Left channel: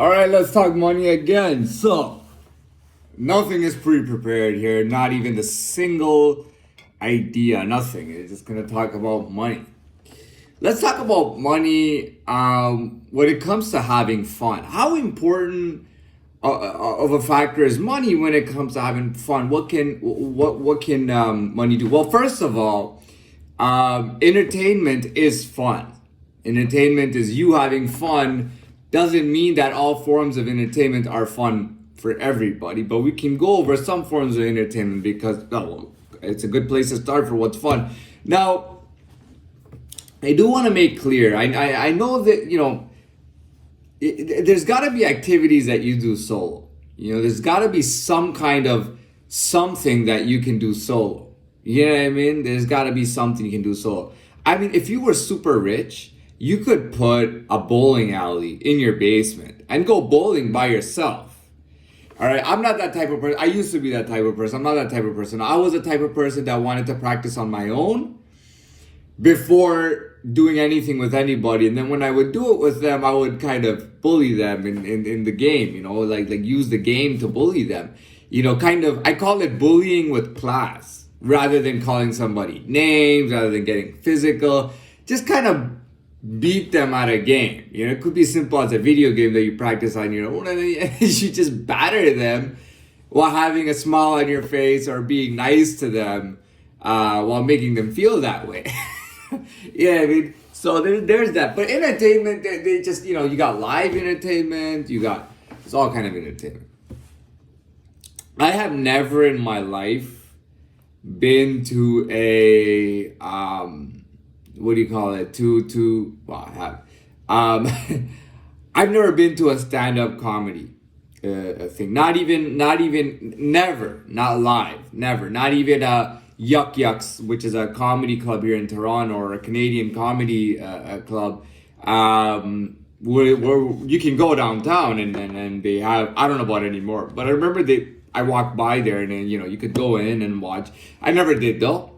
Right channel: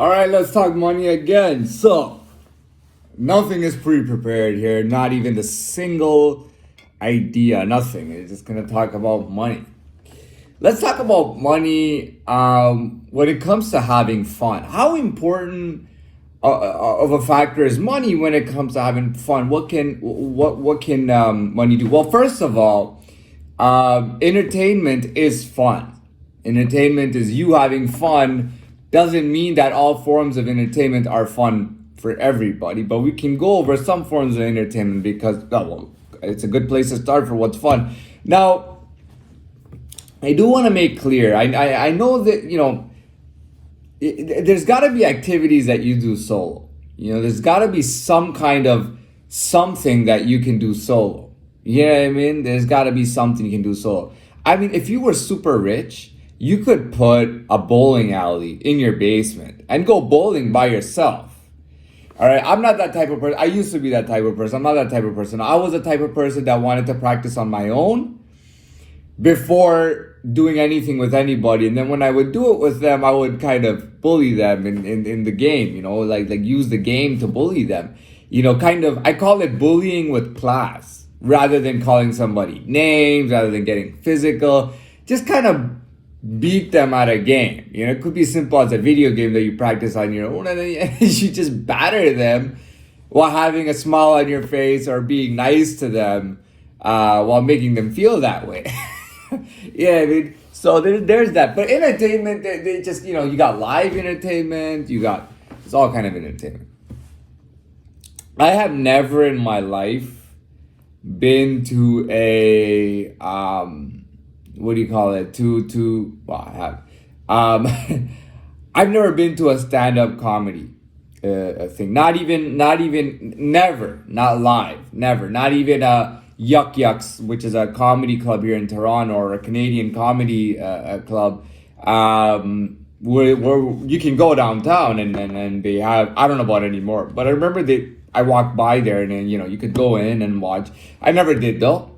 All right, let's talk money again. So, nothing is pre-prepared here, not even the single idea, nothing. It's just gonna talk about money. Let's talk about money when it comes to having fun. How important of a factor is money when it comes to having fun? What can money do? Well, first of all, entertainment is fun. Entertainment is you having fun. Doesn't mean that all forms of entertainment are fun for everybody, but we can go over some forms of entertainment because well, it's a good place to start for what's fun. Now, I do want to make clear. I know that there's got to be activities that you do solo. There's got to be some kind of something that you can do solo. You know what I mean? There's got to be something you can do solo. I mean, if you were super rich, you could put a bowling alley in your basement and go bowling by yourself. All right, I'm not that type of person. I used to be that type of person. I'm not that type of person. I was the type of person that wanted to practice on my own before doing anything with anybody. And then when I would do it with them, I would kind of bully them in the game, like use the game to bully them. I call it bullying with class rather than calling somebody names, rather than getting physical. Just kind of beat them at a game. It could be simple as a video game that you practice on your own, and then you just batter them while having a smile on your face or being nice to them while making them feel that way. Yeah, I mean, so there's that. But entertainment, they just, you got live entertainment, it's all kind of entertainment. I have never in my life been to a, what do you call it? Well, I have. I've never been to a stand-up comedy thing. Not even, never, not live, never. Not even Yuck Yucks, which is a comedy club here in Toronto, or a Canadian comedy club, where you can go downtown and they have, I don't know about it anymore, but I remember I walked by there and then, you could go in and watch. I never did though.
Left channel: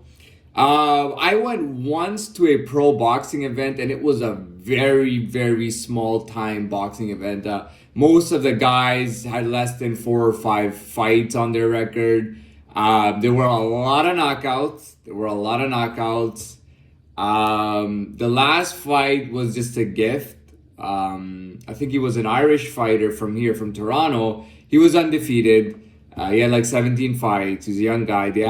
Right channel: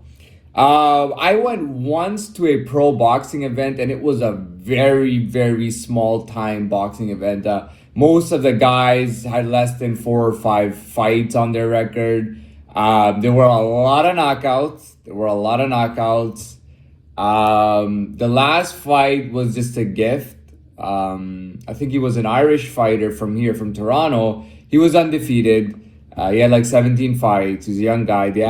I went once to a pro boxing event, and it was a very, very small time boxing event. Most of the guys had less than 4 or 5 fights on their record. There were a lot of knockouts. The last fight was just a gift. I think he was an Irish fighter from Toronto. He was undefeated. He had like 17 fights. He's a young guy. They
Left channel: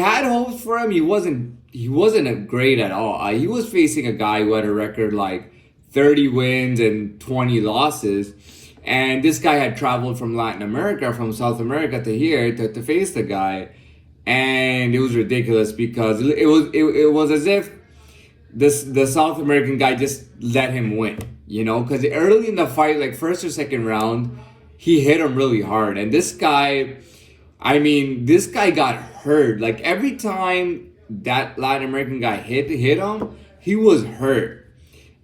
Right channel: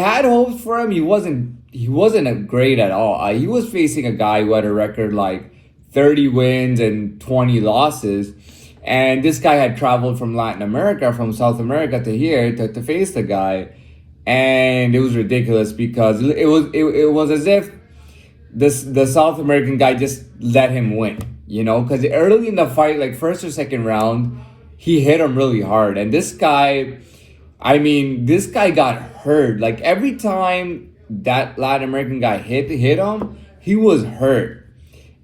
had hopes for him. He wasn't great at all. He was facing a guy who had a record like 30 wins and 20 losses. And this guy had traveled from Latin America, from South America to here to face the guy. And it was ridiculous because it was as if the South American guy just let him win, because early in the fight, like first or second round, he hit him really hard. And this guy got hurt. Like every time that Latin American guy hit him, he was hurt.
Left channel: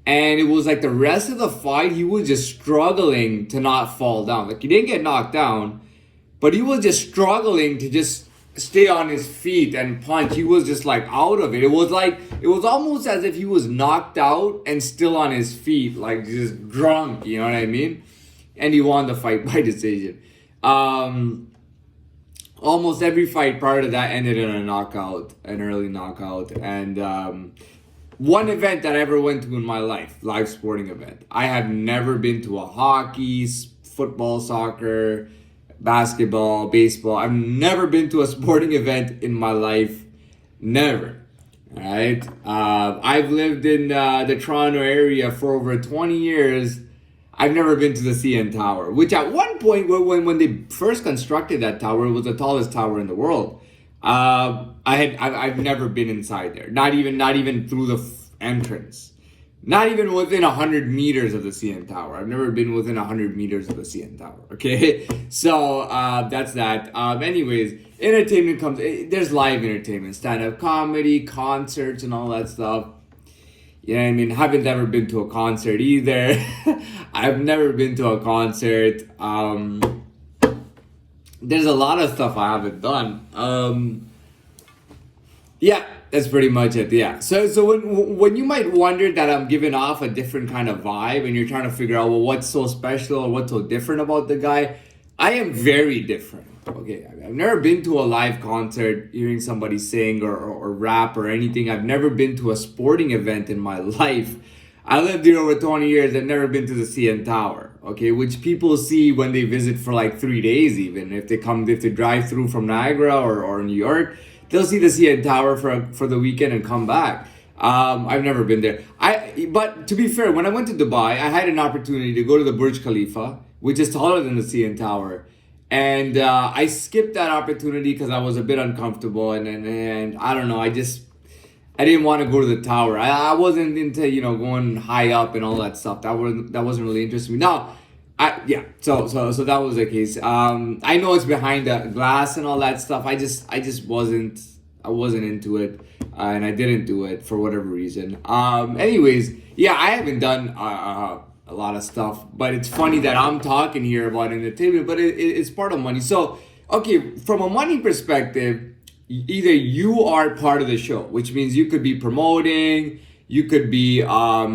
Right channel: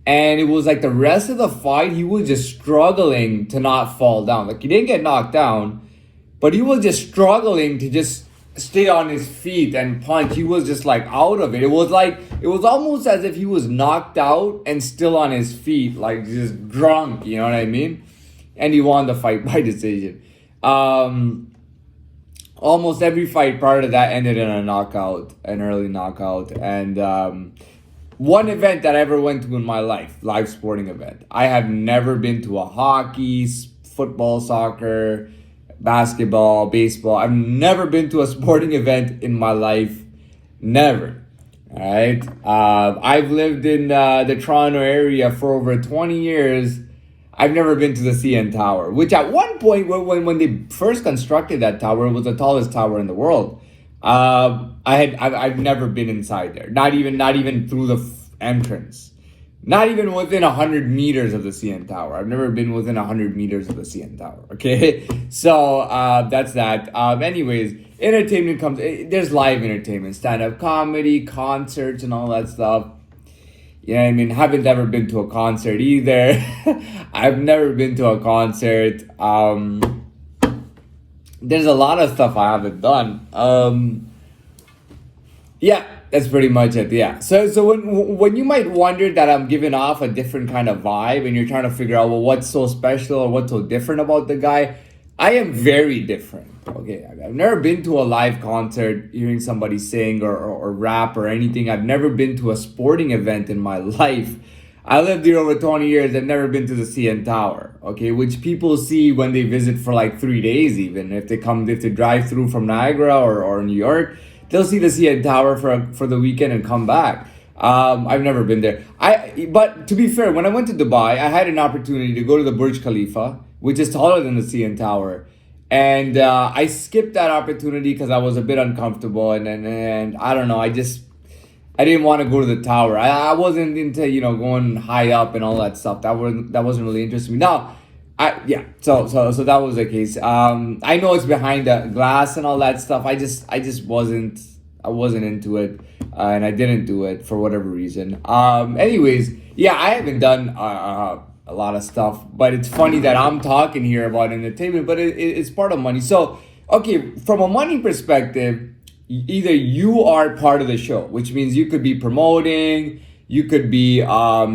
And it was like the rest of the fight, he was just struggling to not fall down. Like he didn't get knocked down, but he was just struggling to just stay on his feet and punch. He was just like out of it. It was almost as if he was knocked out and still on his feet, like just drunk, you know what I mean? And he won the fight by decision. Almost every fight prior to that ended in an early knockout. And one event that I ever went to in my life, live sporting event. I have never been to a hockey, football, soccer, basketball, baseball. I've never been to a sporting event in my life. Never. All right. I've lived in the Toronto area for over 20 years. I've never been to the CN Tower, which at one point when they first constructed that tower, it was the tallest tower in the world. I've never been inside there. Not even through the entrance. Not even within 100 meters of the CN Tower. I've never been within 100 meters of the CN Tower. Okay, so that's that. Anyways, entertainment comes. There's live entertainment, stand-up comedy, concerts, and all that stuff. You know what I mean? Haven't ever been to a concert either. I've never been to a concert. There's a lot of stuff I haven't done. Yeah, That's pretty much it. Yeah. So when you might wonder that I'm giving off a different kind of vibe, and you're trying to figure out, well, what's so special or what's so different about the guy, I am very different. Okay, I've never been to a live concert, hearing somebody sing or rap or anything. I've never been to a sporting event in my life. I lived here over 20 years. I've never been to the CN Tower, okay, which people see when they visit for like 3 days, even if they drive through from Niagara or New York, they'll see the CN Tower for the weekend and come back. I've never been there. But to be fair, when I went to Dubai, I had an opportunity to go to the Burj Khalifa, which is taller than the CN Tower. And I skipped that opportunity because I was a bit uncomfortable, and I don't know, I didn't want to go to the tower. I wasn't into going high up and all that stuff. That wasn't really interesting me. Now, so that was the case. I know it's behind the glass and all that stuff. I just wasn't into it, and I didn't do it for whatever reason. Anyways, yeah, I haven't done a lot of stuff, but it's funny that I'm talking here about entertainment, but it's part of money. So, okay, from a money perspective, either you are part of the show, which means you could be promoting, you could be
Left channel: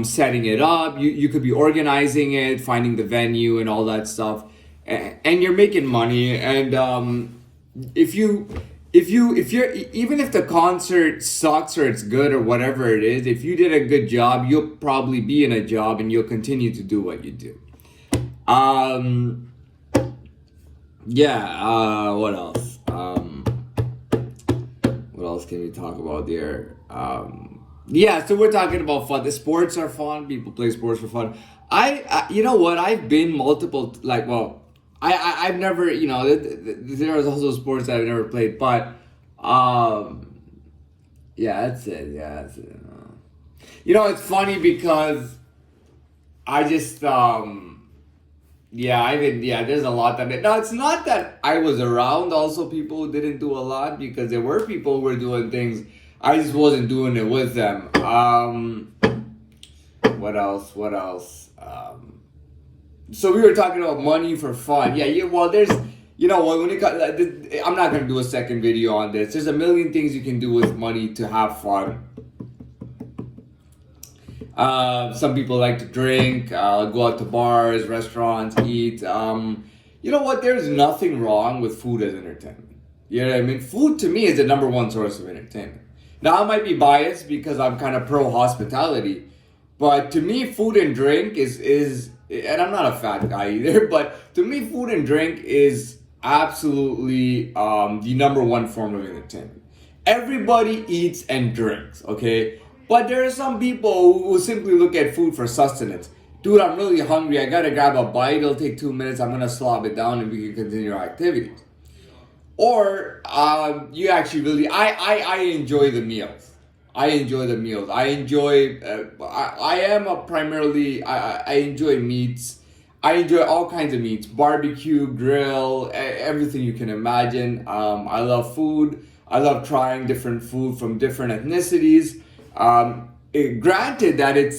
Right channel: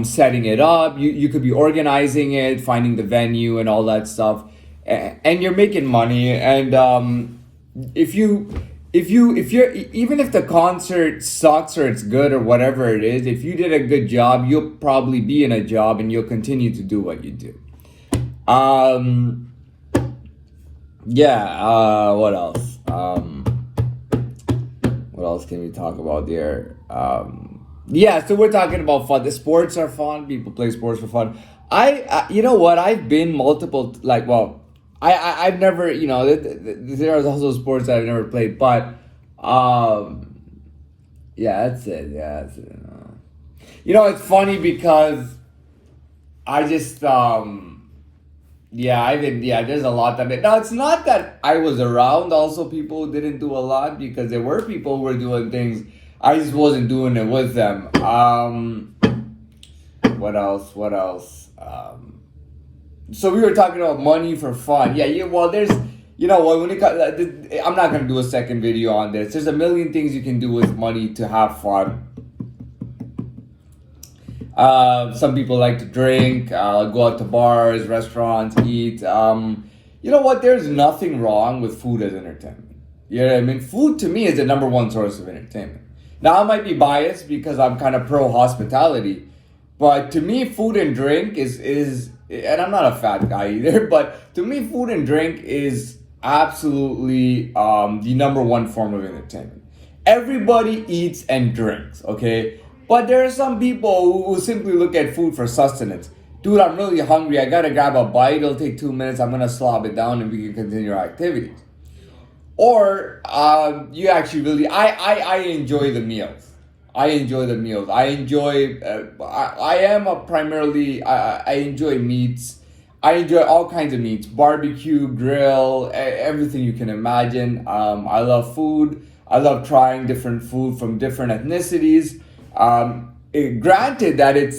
setting it up, you could be organizing it, finding the venue and all that stuff, and you're making money. And if you're even if the concert sucks or it's good or whatever it is, if you did a good job, you'll probably be in a job and you'll continue to do what you do. What else? What else can we talk about there? So we're talking about fun. The sports are fun. People play sports for fun. You know what? I've been multiple, I've never, there are also sports that I've never played, but, that's it. Yeah, that's it. It's funny because I just, there's a lot that, now it's not that I was around also people who didn't do a lot, because there were people who were doing things. I just wasn't doing it with them. What else? So we were talking about money for fun. Well, there's, when it comes, I'm not going to do a second video on this. There's a million things you can do with money to have fun. Some people like to drink, go out to bars, restaurants, eat. You know what? There's nothing wrong with food as entertainment. You know what I mean? Food to me is the number one source of entertainment. Now, I might be biased because I'm kind of pro hospitality, but to me, food and drink is, and I'm not a fat guy either, but to me, food and drink is absolutely the number one form of entertainment. Everybody eats and drinks, okay? But there are some people who simply look at food for sustenance. Dude, I'm really hungry. I gotta grab a bite. It'll take 2 minutes. I'm gonna slob it down and we can continue our activities. Or you actually really, I enjoy the meals. I enjoy meats. I enjoy all kinds of meats, barbecue, grill, everything you can imagine. I love food. I love trying different food from different ethnicities. Granted that it's